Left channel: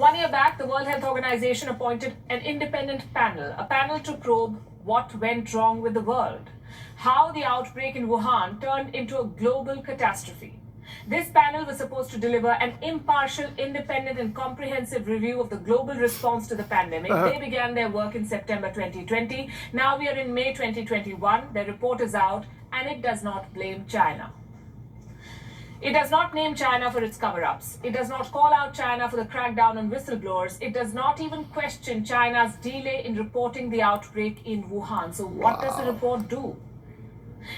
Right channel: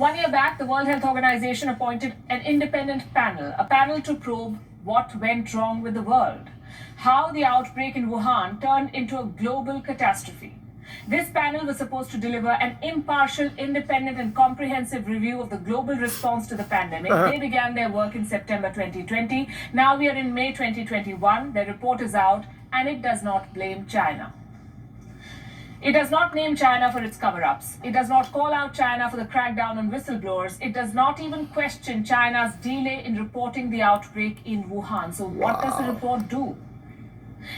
1 year back, the World Health Organization appointed an independent panel, a panel to probe what went wrong with the world, how the outbreak in Wuhan turned into a global catastrophe. This panel was supposed to deliver an impartial, independent and comprehensive review of the global response to the pandemic. They began their work in September 2020. Now we are in May 2021. Their report is out and it does not blame China. It does not name China for its cover-ups. It does not call out China for the crackdown on whistleblowers. It does not even question China's delay in reporting the outbreak in Wuhan. So what does the report do?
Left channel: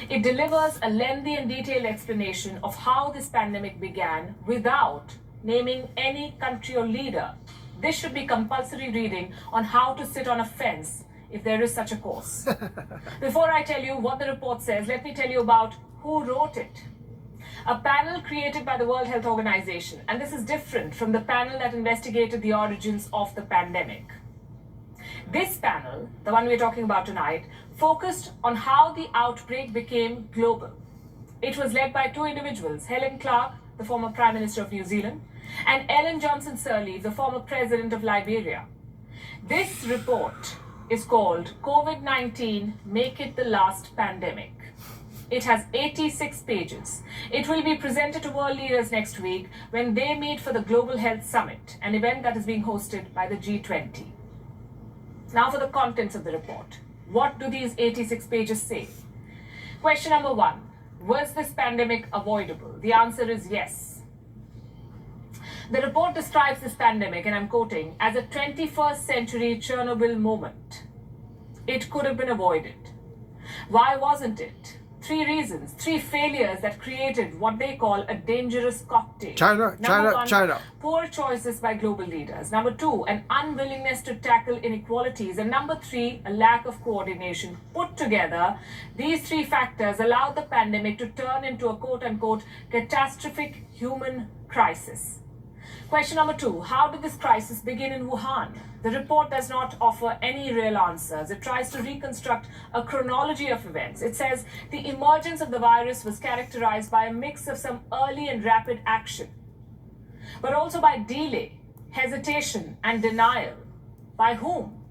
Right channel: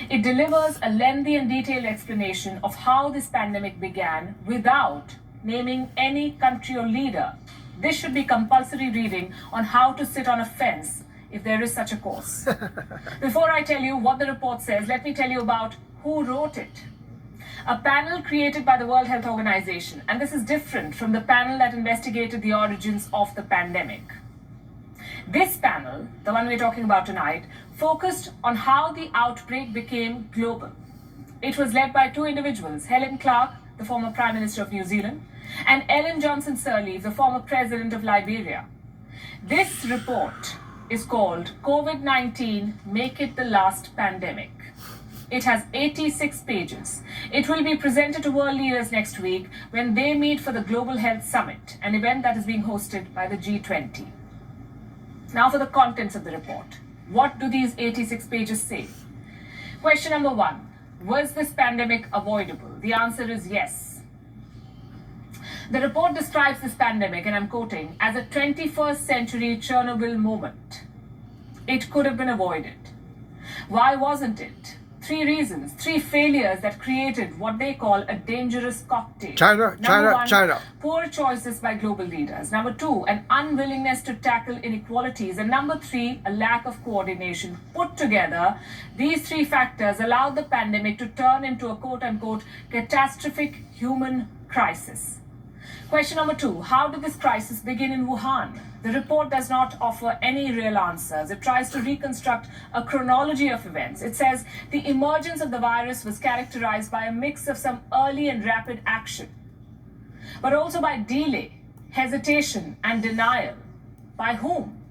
It delivers a lengthy and detailed explanation of how this pandemic began without naming any country or leader. This should be compulsory reading on how to sit on a fence if there is such a course. Before I tell you what the report says, let me tell you about who wrote it. A panel created by the World Health Organization, and this is different from the panel that investigated the origins of the pandemic. This panel, the one we're talking about tonight, focused on how the outbreak became global. It was led by two individuals, Helen Clark, the former Prime Minister of New Zealand, and Ellen Johnson Sirleaf, the former President of Liberia. This report is called COVID-19 Make It the Last Pandemic. It has 86 pages. It will be presented to world leaders next week when they meet for the Global Health Summit, an event that is being hosted by the G20. Now for the contents of the report. What do these 86 pages say? Question number 1. Was this pandemic avoidable? The answer is yes. The report describes this pandemic, and I'm quoting, as a 21st century Chernobyl moment. It could have been avoided. Why wasn't it? 3 reasons, 3 failures that created what they call a dangerous cocktail. China. Poor choices by global leaders. Number 2, an unwillingness to tackle inequalities. And number 3, a lack of coordination. Put together, these 3 factors allowed the pandemic to turn into a quote-unquote catastrophic human crisis. Question number 2, how did this crisis begin in Wuhan? The report does not offer any real answers. It tries to reconstruct a chronology of events. It says the emergence of the virus was characterized by a mix of some early and rapid action, but also by delay, hesitation, and denial. By whom?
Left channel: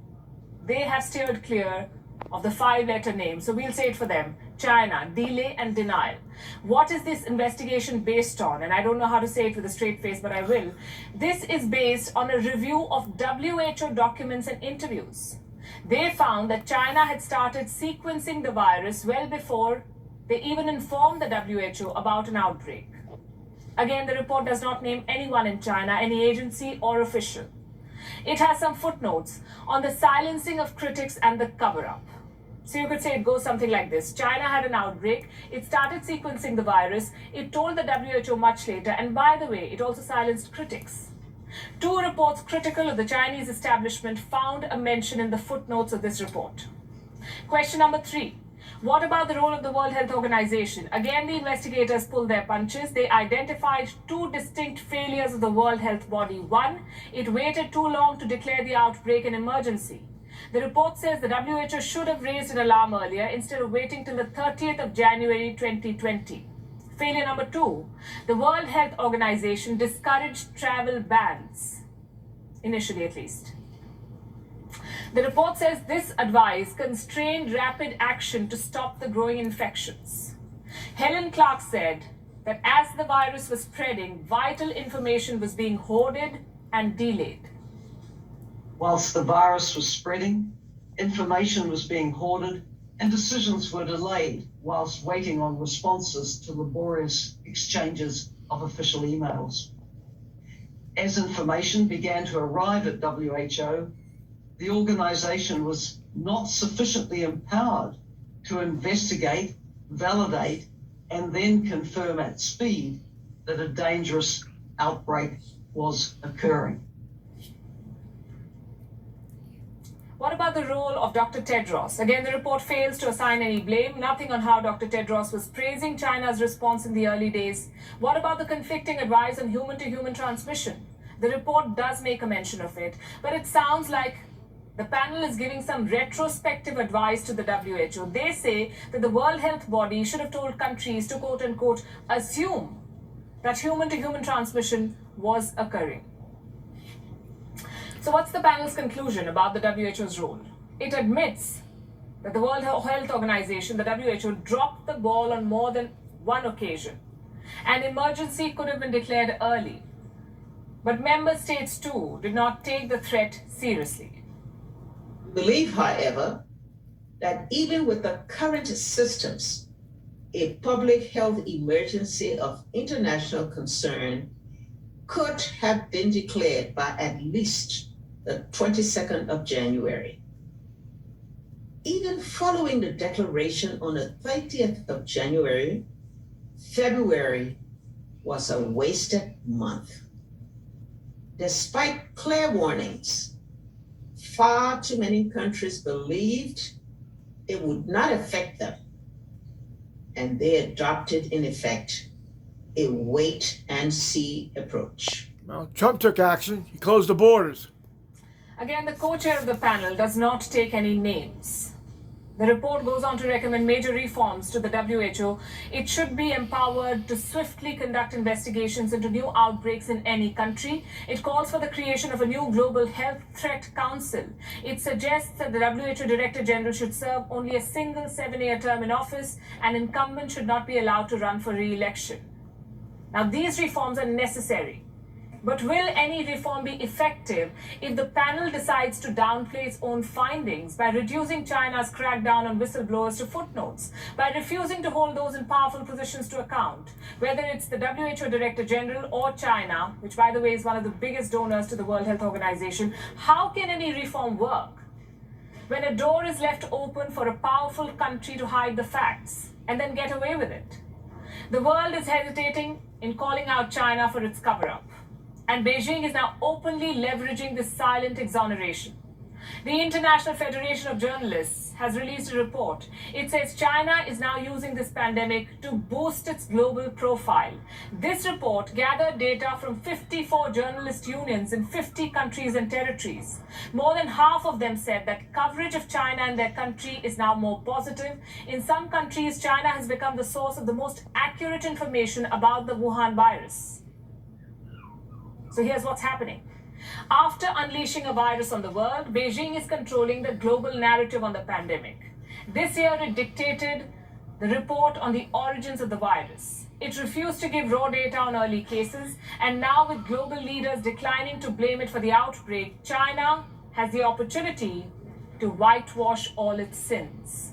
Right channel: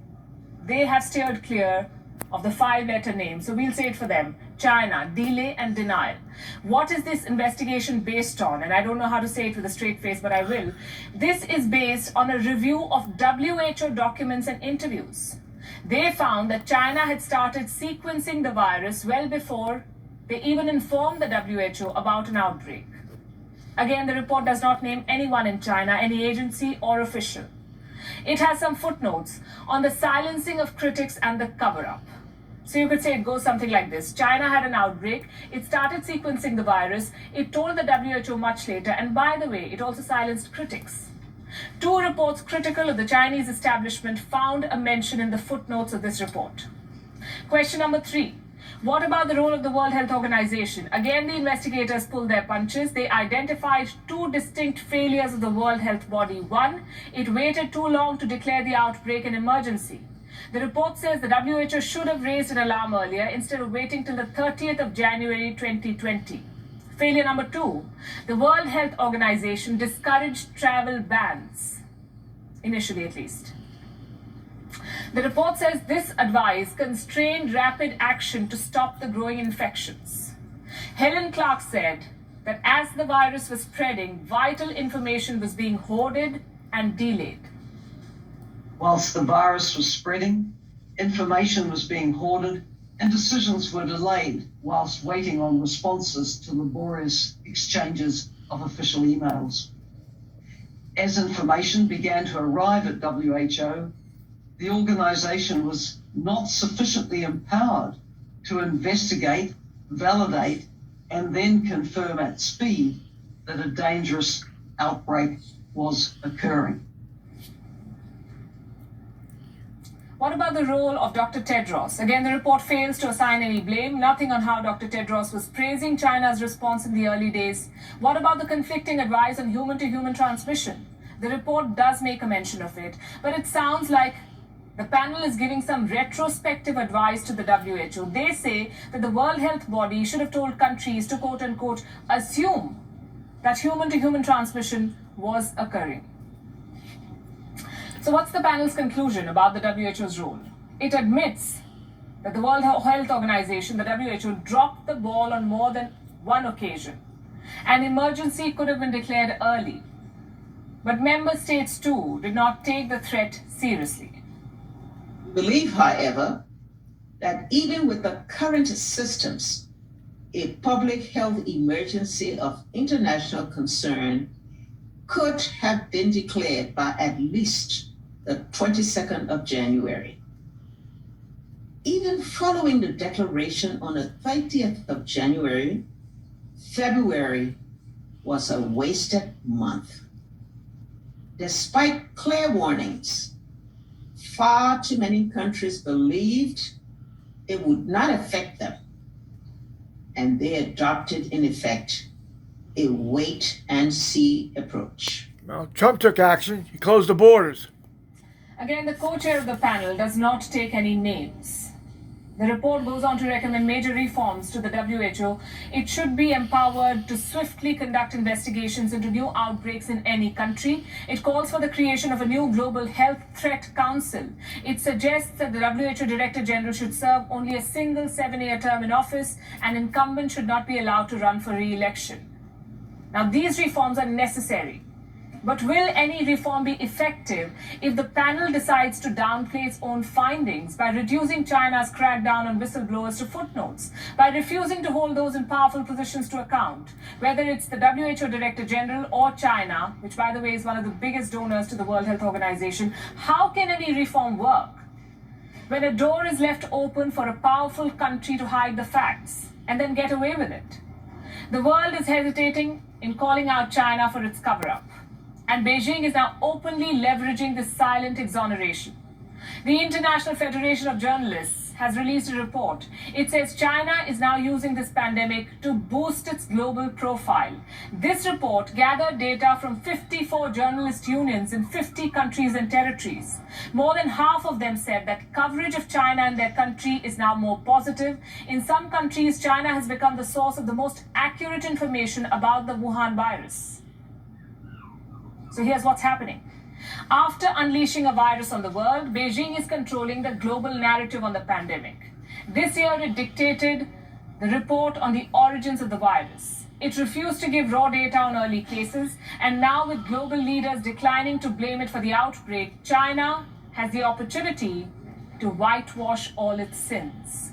They have steered clear of the 5-letter name. So we'll say it for them. China, delay and denial. What is this investigation based on? And I don't know how to say it with a straight face, but I will. This is based on a review of WHO documents and interviews. They found that China had started sequencing the virus well before they even informed the WHO about an outbreak. Again, the report does not name anyone in China, any agency or official. It has some footnotes on the silencing of critics and the cover-up. So you could say it goes something like this. China had an outbreak. It started sequencing the virus. It told the WHO much later. And by the way, it also silenced critics. 2 reports critical of the Chinese establishment found a mention in the footnotes of this report. Question number 3. What about the role of the World Health Organization? Again, the investigators pulled their punches. They identified 2 distinct failures of the World Health Body. 1, it waited too long to declare the outbreak an emergency. The report says the WHO should have raised an alarm earlier instead of waiting till the 30th of January 2020. Failure number 2, the World Health Organization discouraged travel bans, initially at least. The report says this advice constrained rapid action to stop the growing infections. Helen Clark said that as the virus was spreading, vital information was being hoarded and delayed. Whilst the virus was spreading, information was being hoarded and decisions were delayed whilst waiting on responses to laborious exchanges of official emails. As information began to arrive at WHO, the organization was not sufficiently empowered to investigate, validate, and then confirm at speed that a dangerous outbreak was occurring. What about the role of Dr. Tedros? Again, the report fails to assign any blame, nothing on how Dr. Tedros was praising China's response in the early days. What about the conflicting advice on human-to-human transmission? The report does make a mention of it, but it sounds like the panel is giving some retrospective advice to the WHO. They say that the World Health Body should have told countries to quote-unquote assume that human-to-human transmission was occurring. So what's the panel's conclusion about the WHO's role? It admits that the World Health Organization, the WHO, dropped the ball on more than one occasion. An emergency could have been declared early. But member states too did not take the threat seriously. We believe, however, that even with the current systems, a public health emergency of international concern could have been declared by at least the 22nd of January. Even following the declaration on the 30th of January, February was a wasted month. Despite clear warnings, far too many countries believed it would not affect them, and they adopted, in effect, a wait-and-see approach. Well, Trump took action. He closed the borders. Again, the co-chair of the panel does not take any names. The report goes on to recommend major reforms to the WHO. It should be empowered to swiftly conduct investigations into new outbreaks in any country. It calls for the creation of a new global health threat council. It suggests that the WHO Director General should serve only a single 7-year term in office. An incumbent should not be allowed to run for re-election. Now, these reforms are necessary. But will any reform be effective if the panel decides to downplay its own findings by reducing China's crackdown on whistleblowers to footnotes, by refusing to hold those in powerful positions to account, whether it's the WHO Director General or China, which, by the way, is one of the biggest donors to the World Health Organization? How can any reform work when a door is left open for a powerful country to hide the facts and then get away with it? The world is hesitating in calling out China for its cover-up. And Beijing is now openly leveraging this silent exoneration. The International Federation of Journalists has released a report. It says China is now using this pandemic to boost its global profile. This report gathered data from 54 journalist unions in 50 countries and territories. More than half of them said that coverage of China in their country is now more positive. In some countries, China has become the source of the most accurate information about the Wuhan virus. So here's what's happening. After unleashing a virus on the world, Beijing is controlling the global narrative on the pandemic. This year, it dictated the report on the origins of the virus. It refused to give raw data on early cases, and now with global leaders declining to blame it for the outbreak, China has the opportunity to whitewash all its sins.